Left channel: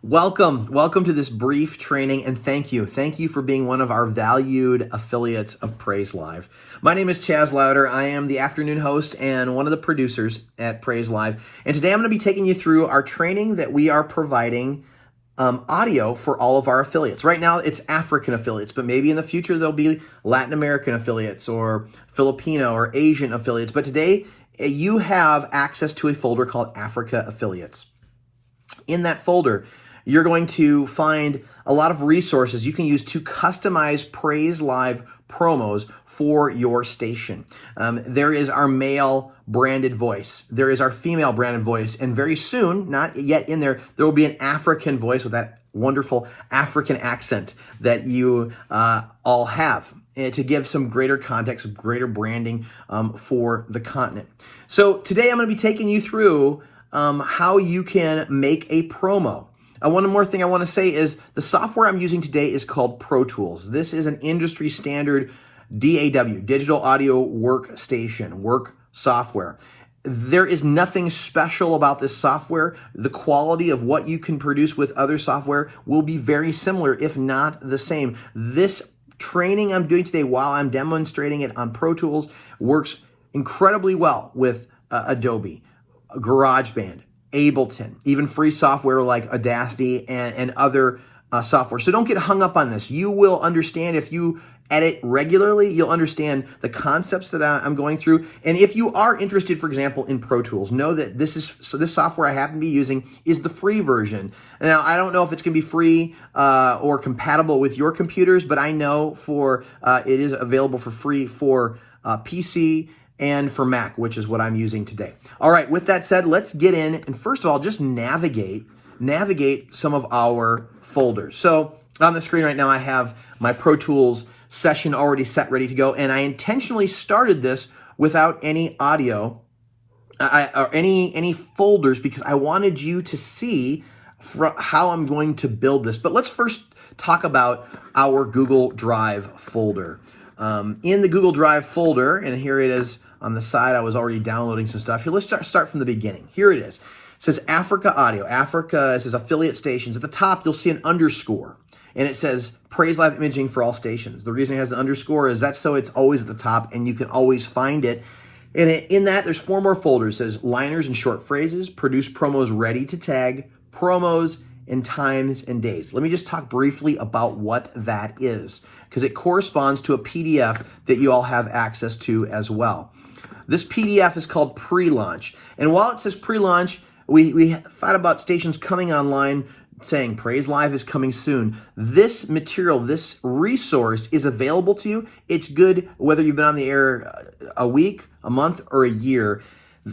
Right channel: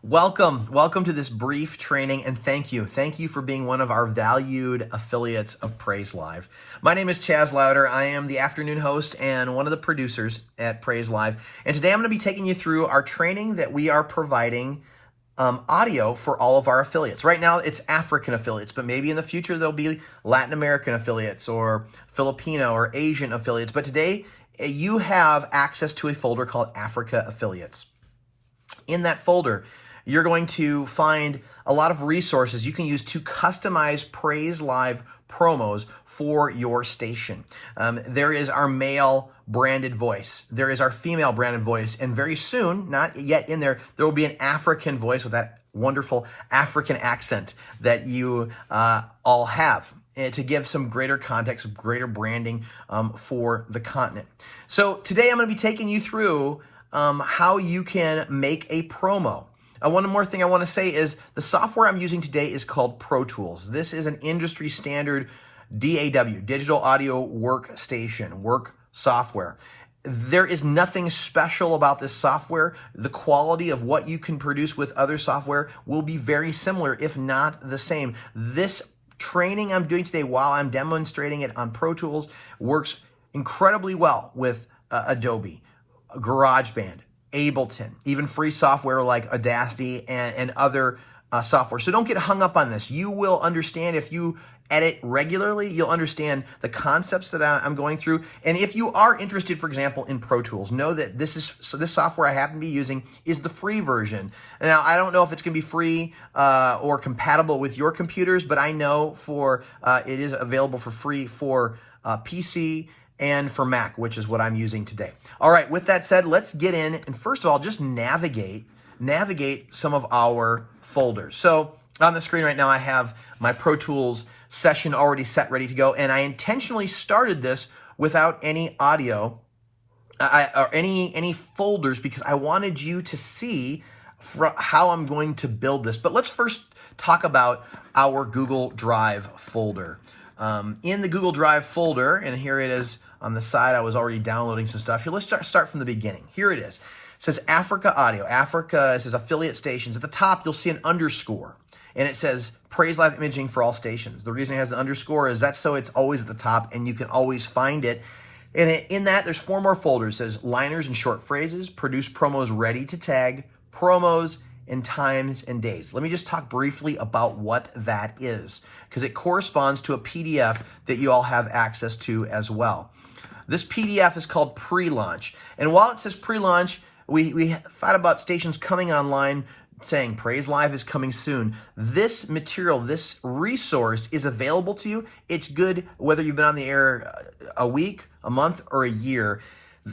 Welcome to this brief training, and thank you. Thank you for being one of our valued affiliates of Praise Live. My name is Chaz Louder. I am the afternoon host and one of the producers at Praise Live. And today I'm going to be taking you through our training that we are providing audio for all of our affiliates. Right now it's African affiliates, but maybe in the future there'll be Latin American affiliates or Filipino or Asian affiliates. But today you have access to a folder called Africa Affiliates. In that folder, you're going to find a lot of resources you can use to customize Praise Live promos for your station. There is our male branded voice. There is our female branded voice. And very soon, not yet in there, there will be an African voice with that wonderful African accent that you all have to give some greater context, greater branding for the continent. So today I'm going to be taking you through how you can make a promo. One more thing I want to say is the software I'm using today is called Pro Tools. This is an industry standard DAW, digital audio workstation, work software. There is nothing special about this software. The quality of what you can produce with other software will be very similar, if not the same. This training I'm doing today while I'm demonstrating it on Pro Tools works incredibly well with Adobe, GarageBand, Ableton, even free software like Audacity and other software. So don't get hung up on this. You will understand if you edit regularly, you'll understand the concepts that I'm going through. And if you are interested, for example, in Pro Tools, know that this software I happen to be using is the free version. Now, I don't know if it's going to be free or compatible with your computers, but I know it is available for free for PC and for Mac, which is what I'm using today. All right, with that said, let's get in and first of all, just navigate some of our folders. So on the screen right now, I have my Pro Tools session already set, ready to go, and I intentionally started this without any audio or any folders because I wanted you to see how I'm going to build this. But let's first talk about our Google Drive folder. In the Google Drive folder, and here it is on the side, I was already downloading some stuff. Here, let's start from the beginning. Here it is. It says Africa Audio. Africa, it says affiliate stations. At the top, you'll see an underscore, and it says Praise Live Imaging for all stations. The reason it has the underscore is that's so it's always at the top, and you can always find it. And in that, there's 4 more folders. It says liners and short phrases, produce promos ready to tag, promos, and times and days. Let me just talk briefly about what that is, because it corresponds to a PDF that you all have access to as well. This PDF is called Pre-Launch. And while it says Pre-Launch, we thought about stations coming online saying Praise Live is coming soon. This material, this resource is available to you. It's good whether you've been on the air a week, a month, or a year.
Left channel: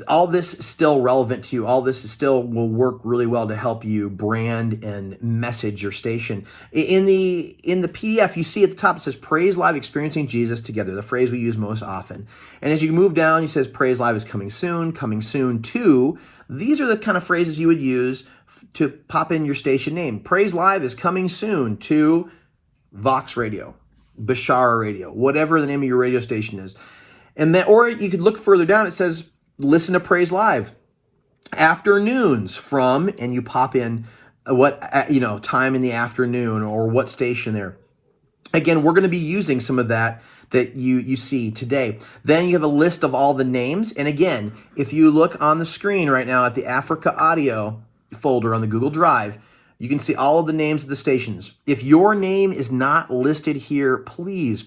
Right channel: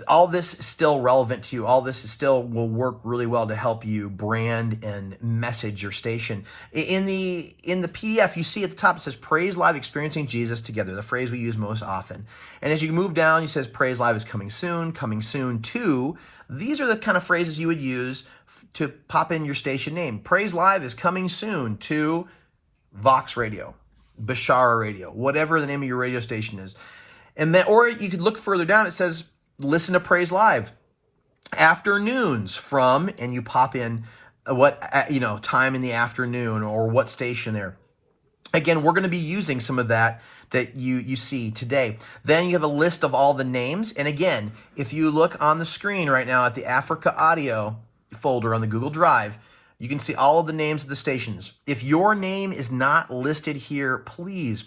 All this is still relevant to you. All this still will work really well to help you brand and message your station. In the PDF, you see at the top, it says Praise Live Experiencing Jesus Together, the phrase we use most often. And as you move down, it says Praise Live is coming soon to. These are the kind of phrases you would use to pop in your station name. Praise Live is coming soon to Vox Radio, Bashara Radio, whatever the name of your radio station is. And then, or you could look further down, it says listen to Praise Live afternoons from, and you pop in what time in the afternoon or what station there. Again, we're going to be using some of that you see today. Then you have a list of all the names. And again, if you look on the screen right now at the Africa Audio folder on the Google Drive, you can see all of the names of the stations. If your name is not listed here, please,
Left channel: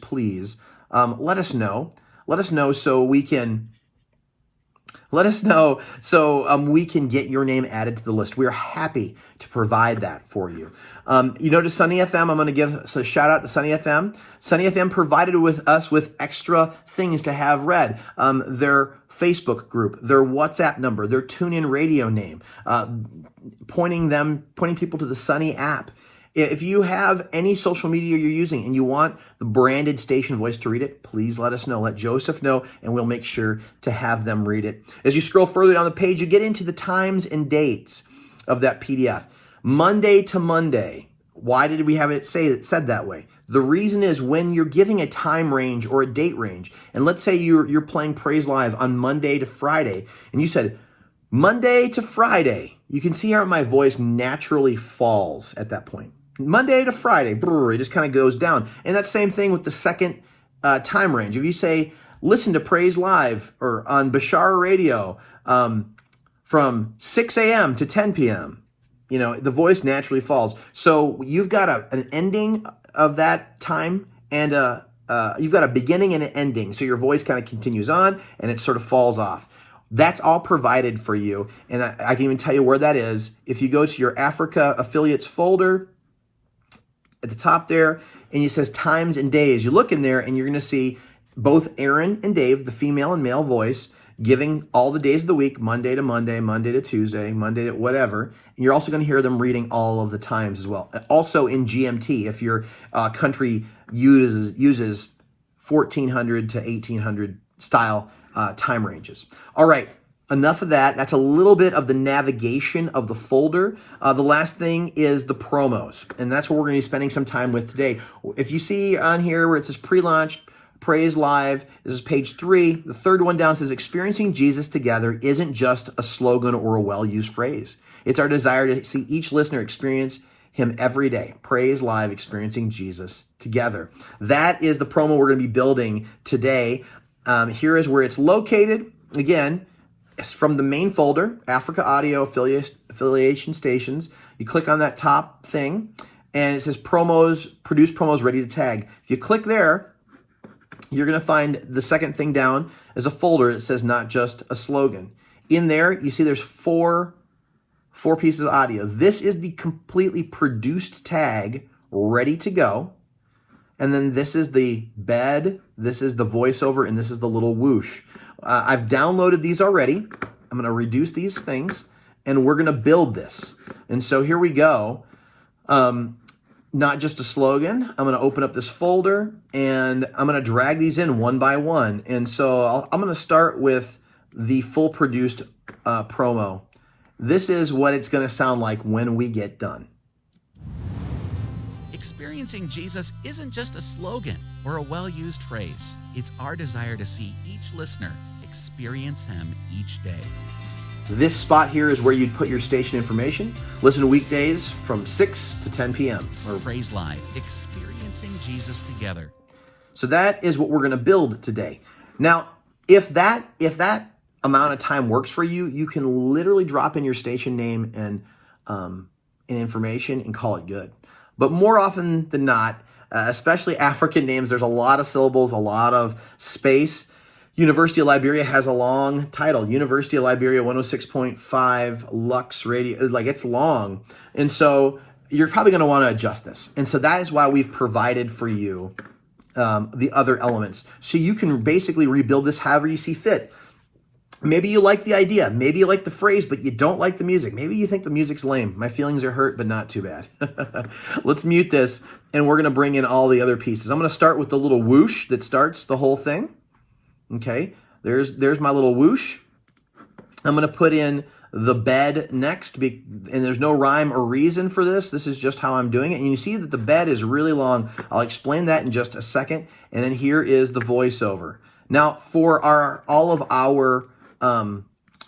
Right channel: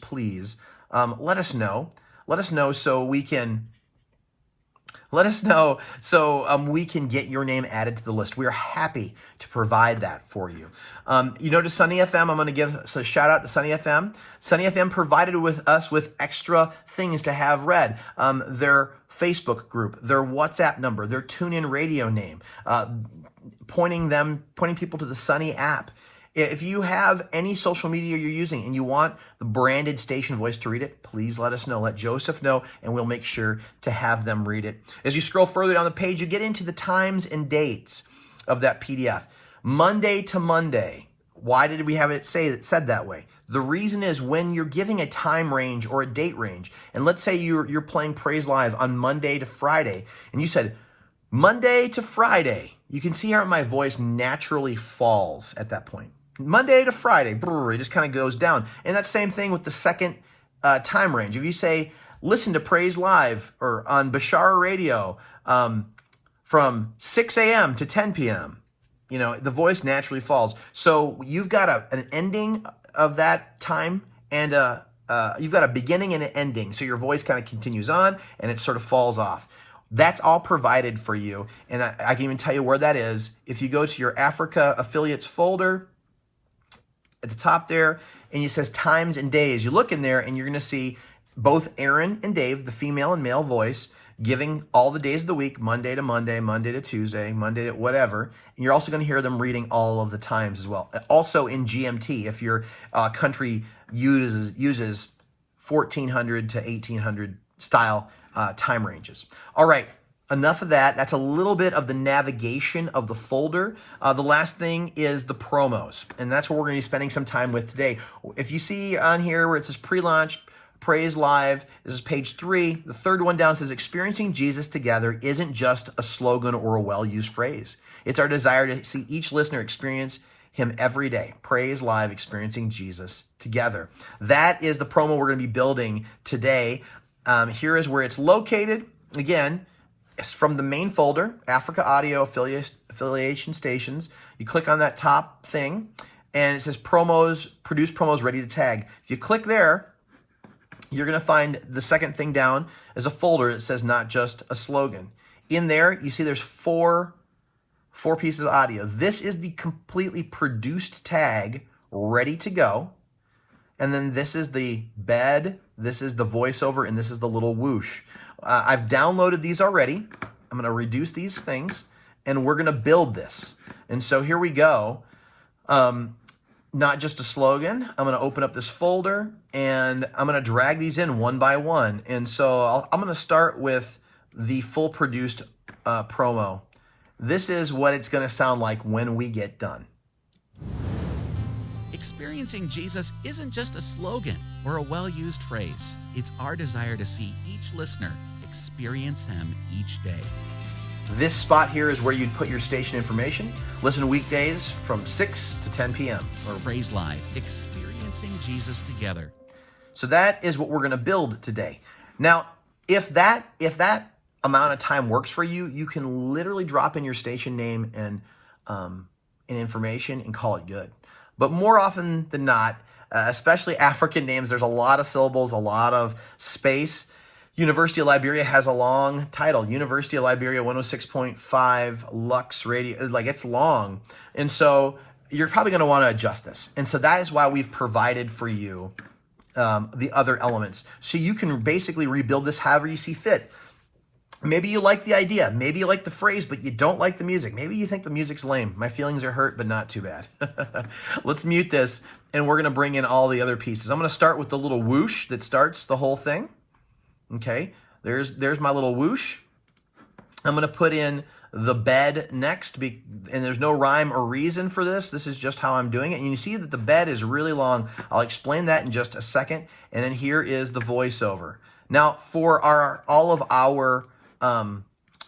let us know. Let us know so we can get your name added to the list. We are happy to provide that for you. To Sunny FM, I'm going to give a shout out to Sunny FM. Sunny FM provided us with extra things to have read. Their Facebook group, their WhatsApp number, their TuneIn radio name, pointing people to the Sunny app. If you have any social media you're using and you want the branded station voice to read it, please let us know. Let Joseph know, and we'll make sure to have them read it. As you scroll further down the page, you get into the times and dates of that PDF. Monday to Monday. Why did we have it said that way? The reason is when you're giving a time range or a date range, and let's say you're playing Praise Live on Monday to Friday, and you said Monday to Friday. You can see how my voice naturally falls at that point. Monday to Friday, brr, it just kind of goes down. And that same thing with the second time range. If you say, listen to Praise Live or on Bashar Radio from 6 a.m. to 10 p.m., the voice naturally falls. So you've got an ending of that time and you've got a beginning and an ending. So your voice kind of continues on and it sort of falls off. That's all provided for you. And I can even tell you where that is. If you go to your Africa affiliates folder at the top there, and it says times and days, you look in there and you're going to see both Aaron and Dave, the female and male voice, giving all the days of the week, Monday to Monday, Monday to Tuesday, Monday to whatever. And you're also going to hear them reading all of the times as well. Also in GMT, if your country uses 1400 to 1800 style time ranges. All right, enough of that. That's a little bit of the navigation of the folder. The last thing is the promos, and that's what we're going to be spending some time with today. If you see on here where it says pre-launch, Praise Live, this is page 3. The third one down says, experiencing Jesus together isn't just a slogan or a well-used phrase. It's our desire to see each listener experience him every day. Praise Live, experiencing Jesus together. That is the promo we're going to be building today. Here is where it's located. Again, it's from the main folder, Africa Audio Affiliation Stations. You click on that top thing, and it says promos, produce promos ready to tag. If you click there, you're going to find the second thing down is a folder that says not just a slogan. In there, you see there's four pieces of audio. This is the completely produced tag ready to go. And then this is the bed, this is the voiceover, and this is the little whoosh. I've downloaded these already. I'm going to reduce these things, and we're going to build this. And so here we go. Not just a slogan. I'm going to open up this folder, and I'm going to drag these in one by one. And so I'm going to start with the full produced promo. This is what it's going to sound like when we get done. Experiencing Jesus isn't just a slogan or a well-used phrase. It's our desire to see each listener experience him each day. This spot here is where you'd put your station information. Listen to weekdays from 6 to 10 p.m. Or Praise Live, experiencing Jesus together. So that is what we're going to build today. Now, if that amount of time works for you, you can literally drop in your station name and information and call it good. But more often than not, especially African names, there's a lot of syllables, a lot of space. University of Liberia has a long title, University of Liberia 106.5 Lux Radio. Like, it's long. And so you're probably going to want to adjust this. And so that is why we've provided for you the other elements. So you can basically rebuild this however you see fit. Maybe you like the idea. Maybe you like the phrase, but you don't like the music. Maybe you think the music's lame. My feelings are hurt, but not too bad. Let's mute this, and we're going to bring in all the other pieces. I'm going to start with the little whoosh that starts the whole thing. Okay, there's my little whoosh. I'm going to put in the bed next, and there's no rhyme or reason for this. This is just how I'm doing it. And you see that the bed is really long. I'll explain that in just a second. And then here is the voiceover. Now, for all of our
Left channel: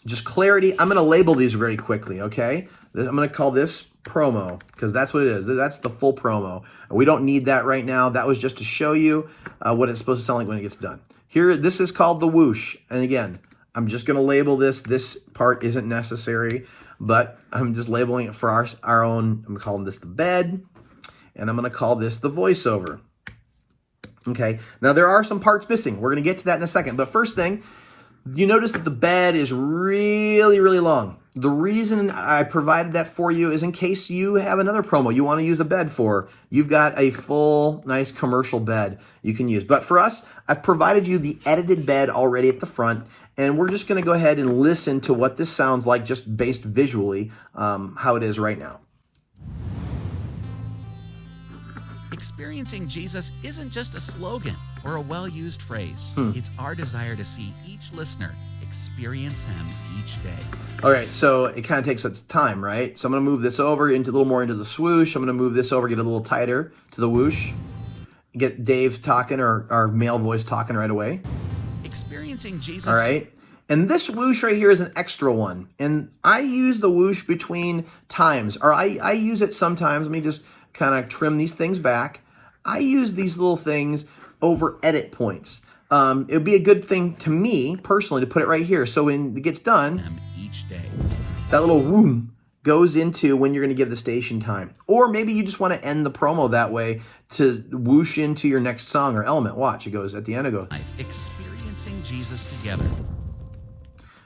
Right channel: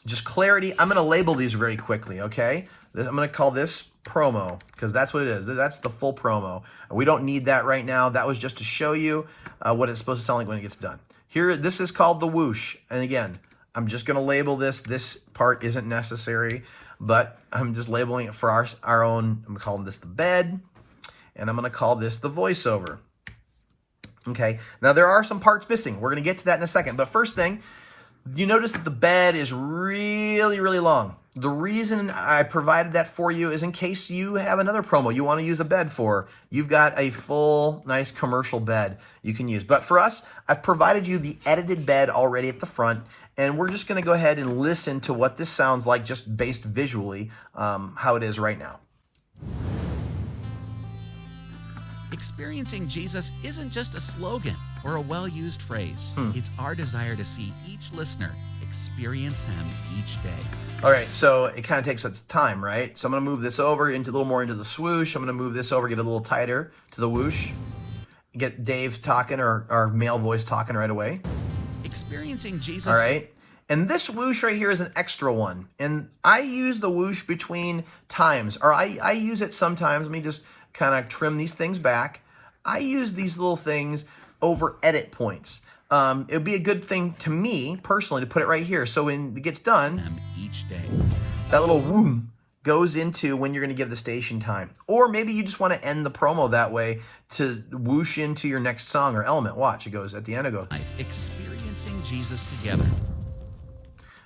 just clarity, I'm going to label these very quickly, okay? I'm going to call this promo because that's what it is. That's the full promo. We don't need that right now. That was just to show you what it's supposed to sound like when it gets done. Here, this is called the whoosh. And again, I'm just going to label this. This part isn't necessary, but I'm just labeling it for our own. I'm calling this the bed, and I'm going to call this the voiceover. Okay, now there are some parts missing. We're going to get to that in a second. But first thing, you notice that the bed is really, really long. The reason I provided that for you is in case you have another promo you want to use a bed for. You've got a full, nice commercial bed you can use. But for us, I've provided you the edited bed already at the front, and we're just going to go ahead and listen to what this sounds like just based visually, how it is right now. Experiencing Jesus isn't just a slogan or a well-used phrase. It's our desire to see each listener experience him each day. All right, so it kind of takes its time, right? So I'm going to move this over into a little more into the swoosh. I'm going to move this over, get a little tighter to the whoosh. Get Dave talking or our male voice talking right away. Experiencing Jesus. All right, And this whoosh right here is an extra one. And I use the whoosh between times, or I use it sometimes. Let me just kind of trim these things back. I use these little things over edit points. It would be a good thing to me, personally, to put it right here. So when it gets done, each day. that little whoom goes into when you're going to give the station time. Or maybe you just want to end the promo that way to whoosh into your next song or element. Watch, it goes at the end, it goes. Experiencing Jesus together.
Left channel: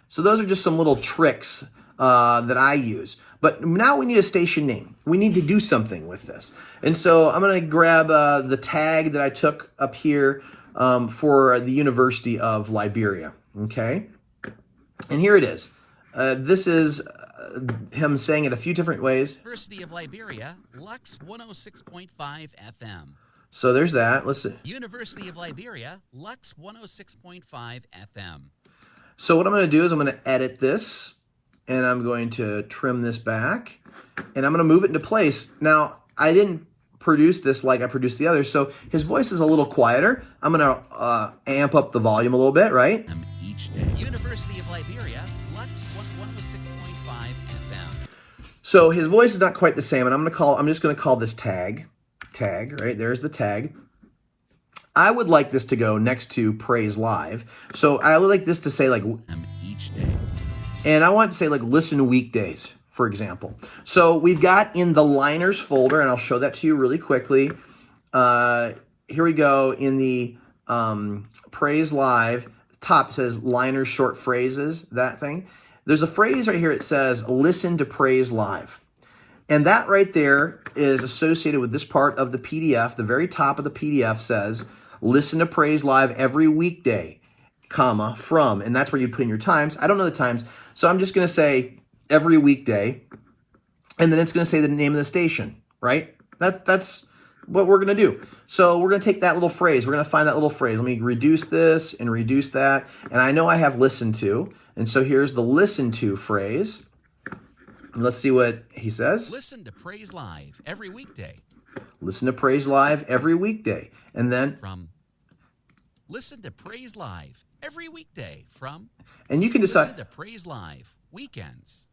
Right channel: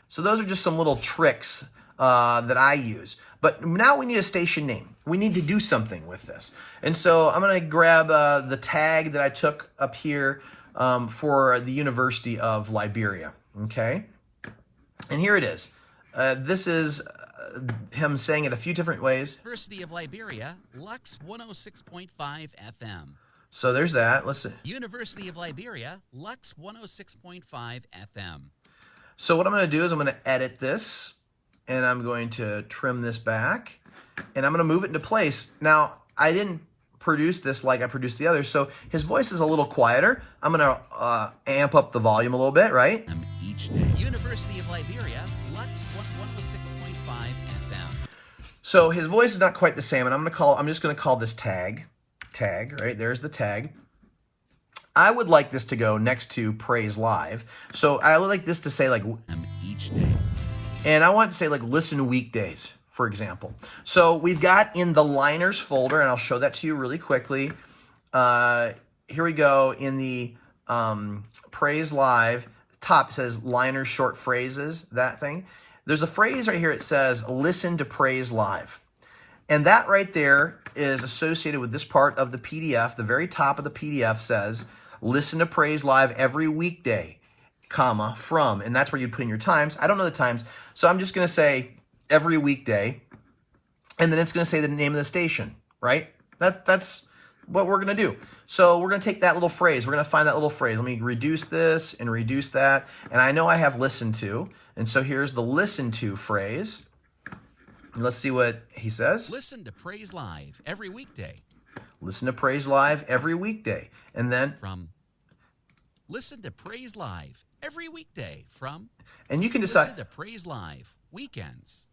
So those are just some little tricks that I use. But now we need a station name. We need to do something with this. And so I'm going to grab the tag that I took up here for the University of Liberia. Okay? And here it is. This is him saying it a few different ways. University of Liberia, Lux 106.5 FM. So there's that. Let's see. University of Liberia, Lux 106.5 FM. So what I'm going to do is I'm going to edit this, and I'm going to trim this back, and I'm going to move it into place. Now, I didn't produce this like I produced the others, so his voice is a little quieter. I'm going to amp up the volume a little bit, right? Each day. University of Liberia, Lux 106.5 FM. So his voice is not quite the same, and I'm just going to call this tag, right? There's the tag. I would like this to go next to Praise Live. So I would like this to say like each day. And I want to say like listen weekdays, for example. So we've got in the liners folder, and I'll show that to you really quickly. Here we go in the Praise Live. Top says liners short phrases, that thing. There's a phrase right here. It says listen to Praise Live. And that right there is associated with this part of the PDF. The very top of the PDF says, listen to Praise Live every weekday, comma, from. And that's where you put in your times. I don't know the times, so I'm just going to say every weekday. And then it's going to say the name of the station, right? That's what we're going to do. So we're going to take that little phrase. We're going to find that little phrase. Let me reduce this and reduce that. And I know I have listen to. And so here's the listen to phrase. Let's see what he says. Listen to Praise Live every weekday. Listen to Praise Live every weekday. And then from listen to Praise Live every weekday from. And you can decide. Listen to Praise Live weekends.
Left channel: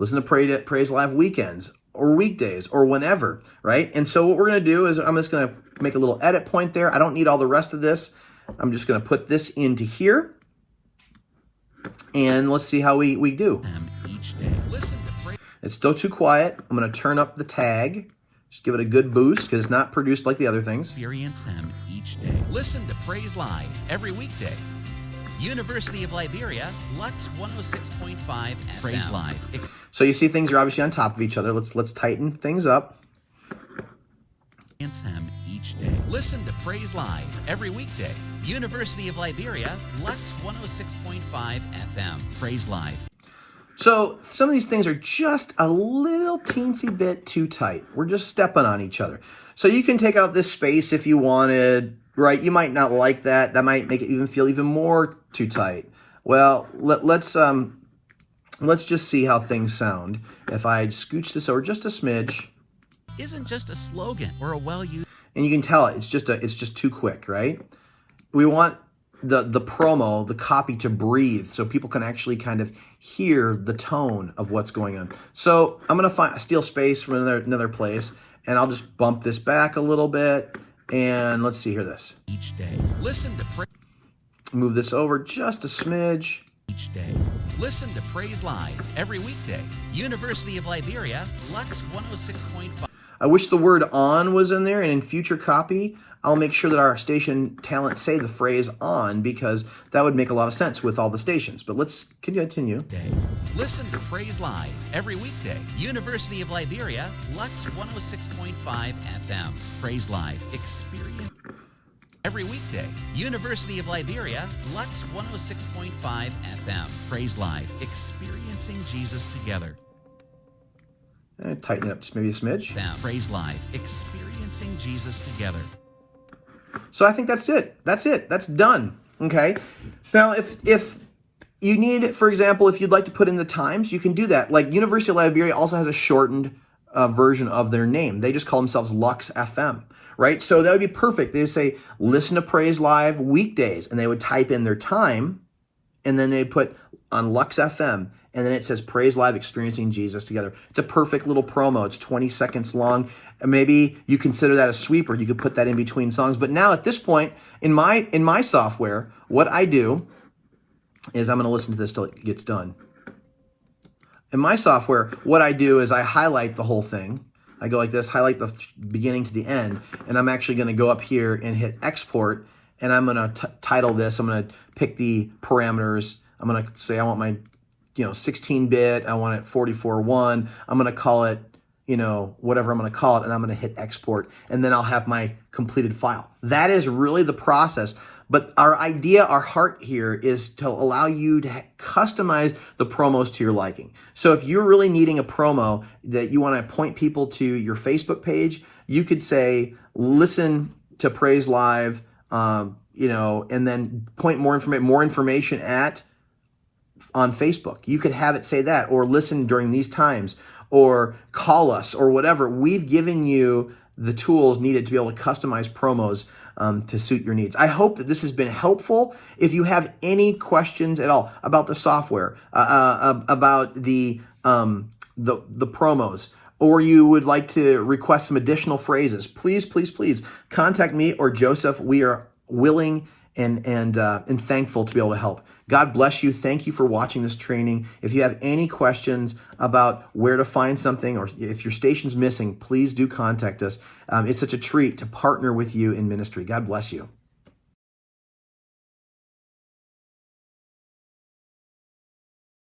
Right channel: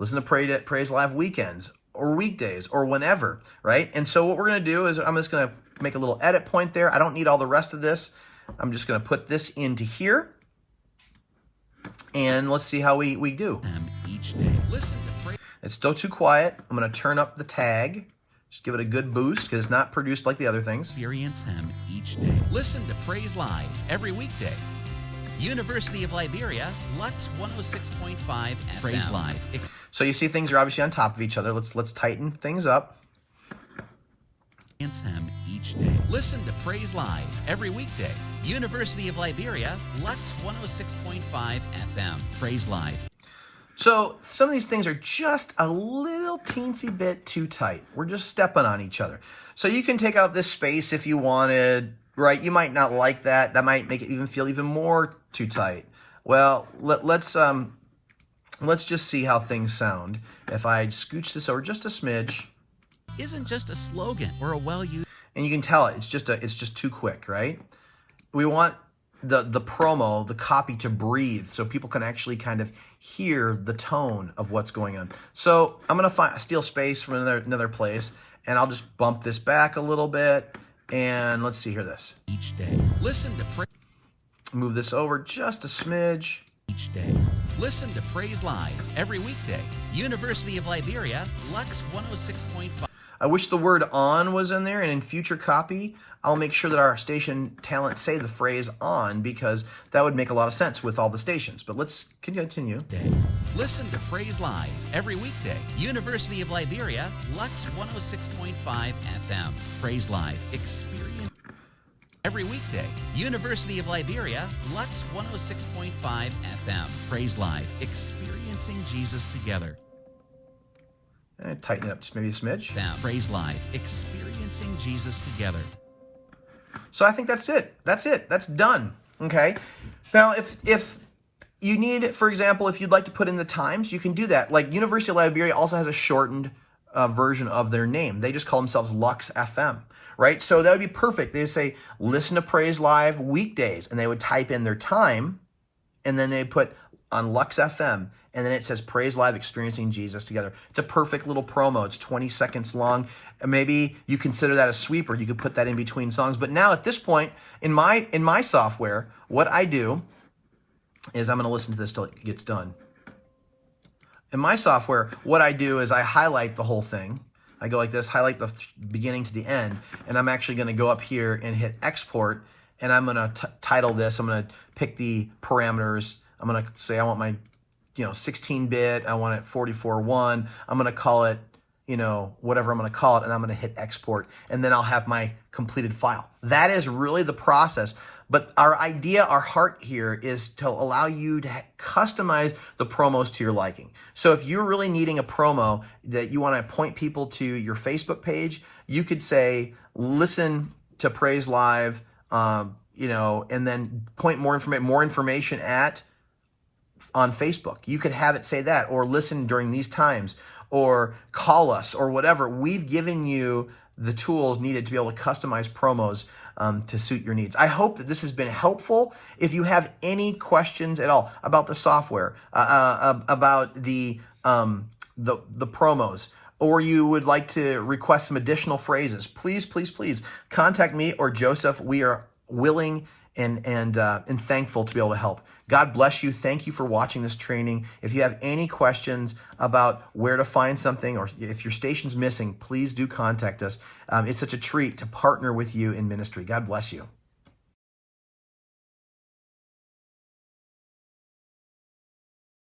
Listen to Praise Live weekends or weekdays or whenever, right? And so what we're going to do is I'm just going to make a little edit point there. I don't need all the rest of this. I'm just going to put this into here. And let's see how we do. Each day. Listen to Praise. It's still too quiet. I'm going to turn up the tag. Just give it a good boost because it's not produced like the other things. Experience him each day. Listen to Praise Live every weekday. University of Liberia, Lux 106.5 FM. Praise Live. So you see things are obviously on top of each other. Let's tighten things up. Experience him each day. Listen to Praise Live every weekday. University of Liberia, Lux 106.5 FM. Praise Live. So some of these things are just a little teensy bit too tight. We're just stepping on each other. So you can take out this space if you wanted, right? You might not like that. That might make it even feel even more too tight. Well, let's just see how things sound. If I scooch this over just a smidge. Isn't just a slogan or a well-used. And you can tell it's just too quick, right? We want the promo, the copy to breathe so people can actually kind of hear the tone of what's going on. So I'm going to steal space from another place, and I'll just bump this back a little bit. And let's see, hear this. Each day. Listen to move this over just a smidge. Each day. Listen to Praise Live every weekday. University of Liberia, Lux 106.5. I wish the word on was in there, and in future copy, I'll make sure that our station talent say the phrase on, because that would make a lot of sense with all the stations. But let's continue. Listen to Praise Live every weekday. University of Liberia, Lux 106.5 FM. Praise Live. Experience every weekday. University of Liberia, Lux 106.5 FM. Praise Live. Experiencing Jesus together. And tighten it up just maybe a smidge. Praise Live. Experiencing Jesus together. So I think that's it. That's done. Okay. Now, if you need, for example, if you'd like to put in the times, you can do that. Like University of Liberia also has a shortened version of their name. They just call themselves Lux FM, right? So that would be perfect. They would say, listen to Praise Live weekdays, and they would type in their time, and then they put on Lux FM, and then it says Praise Live Experiencing Jesus Together. It's a perfect little promo. It's 20 seconds long. Maybe you consider that a sweeper. You could put that in between songs. But now at this point, in my software, what I do is I'm going to listen to this till it gets done. In my software, what I do is I highlight the whole thing. I go like this, highlight the beginning to the end, and I'm actually going to go up here and hit export, and I'm going to title this. I'm going to pick the parameters. I'm going to say I want my 16-bit, I want it 44.1. I'm going to call it, whatever I'm going to call it, and I'm going to hit export, and then I'll have my completed file. That is really the process. But our idea, our heart here is to allow you to customize the promos to your liking. So if you're really needing a promo that you want to point people to your Facebook page, you could say, listen to Praise Live, and then point more information on Facebook. You could have it say that, or listen during these times, or call us, or whatever. We've given you the tools needed to be able to customize promos to suit your needs. I hope that this has been helpful. If you have any questions at all about the software, about the promos, or you would like to request some additional phrases, please contact me or Joseph. We are willing and thankful to be able to help. God bless you. Thank you for watching this training. If you have any questions about where to find something, or if your station's missing, please do contact us. It's such a treat to partner with you in ministry. God bless you.